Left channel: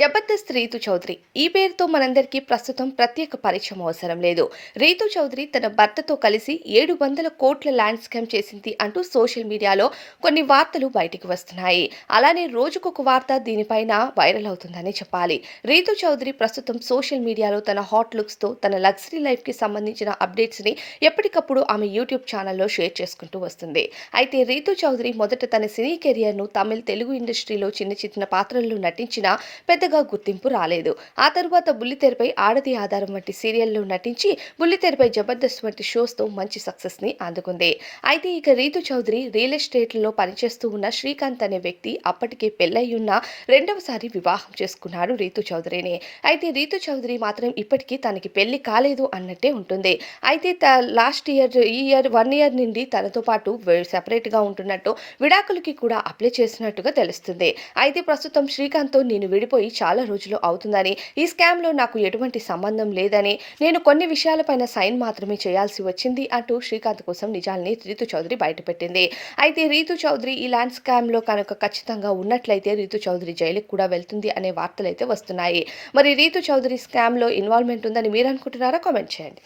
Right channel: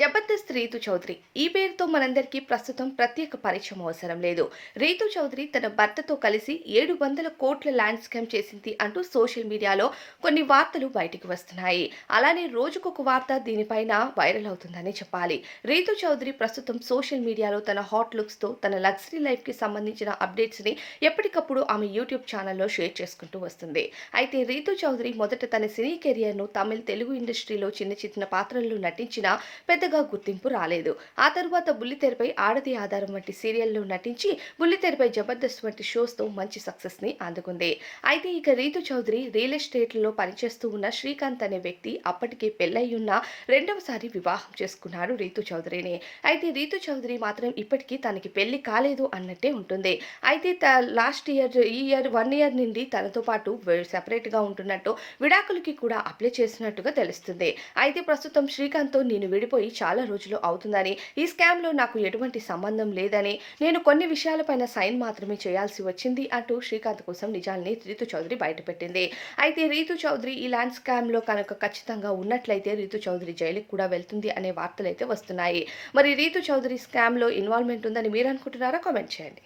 జబర్దస్త్ రీతు చౌదరి ఈ పేరుతో మనందరికీ ప్రస్తుతం ప్రత్యేక పరిచయం అవసరం లేదు. రీతు చౌదరి తన భర్తతో కలిసి 700 కోట్ల ల్యాండ్ స్కామ్ చేసింది అంటూ సోషల్ మీడియాలో కొన్ని వార్తలు బయటికి వస్తున్నాయి. అలానే రోజుకొక వార్త దీనిపైన వైరల్ అవుతుందని చెప్పాలి. రీతు చౌదరి ప్రస్తుతం సోషల్ మీడియాలో తన హాట్ లుక్స్ తో తన లగ్జరీ లైఫ్ కి సంబంధించిన అప్డేట్స్ ని ఎప్పటికప్పుడు ఆమె యూట్యూబ్ ఛానల్లో షేర్ చేసుకుంటూ వస్తుంది. అయితే రీతు చౌదరి మొదట తన సినీ కెరియర్ ను తమిళ తెలుగు ఇండస్ట్రీలో చిన్న చిన్న పాత్రల్లో నటించిన పెద్దగా గుర్తింపు రాలేదు. ఆ తరువాత బుల్లితెరపై ఆడది ఆధారం వంటి సీరియల్లో నటించి బుల్లితెరపై జబర్దస్త్ వంటి షోస్తో మంచి సక్సెస్ ని అందుకుంది. అయితే ఇక రీతు చౌదరి రియల్ ఎస్టేట్లో పనిచేస్తూ ఉన్న శ్రీకాంత్ అనే వ్యక్తి అప్పటికే పెళ్లయ్యున్న రెండవసారి వివాహం చేసుకున్నాడు రీతు చౌదరిని. అయితే రీతు చౌదరి మాత్రం ఇప్పటికీ తనకి పెళ్లి కాలేదు అన్నట్టే ఉంటుంది. అయితే లాస్ట్ ఇయర్ ఈ ఇయర్ 1 ఇయర్ నుండి తనతో పాటు సెపరేట్ గా ఉంటున్నట్టు విడాకులకి కూడా అప్లై చేసినట్టుగా తెలుస్తుంది. అయితే ప్రస్తుతం శ్రీకాంత్తో నేను విడిపోయి చాలా రోజులు అవుతుందని, ఈ స్కామ్‌లో నాకు ఎటువంటి సంబంధం లేదని, నేను కొన్ని విషయాలపైన సైన్ మాత్రమే చేయాల్సి వచ్చింది అంటూ శ్రీకాంత్ కోసం నిజాల్ని రీతు చౌదరి బయటపెట్టింది. అయితే రీతు చౌదరి ఈ ల్యాండ్ స్కామ్‌లో కనుక ఖచ్చితంగా ఉన్నట్లయితే రీతు చౌదరి జైలుకి కూడా వెళ్తుంది అనే వార్తలైతే వస్తున్నాయి. మరి రీతు చౌదరి స్కామ్‌లో ఇన్వాల్వ్‌మెంట్ ఉందని మీరు అనుకుంటున్నారా? కామెంట్ చేయండి.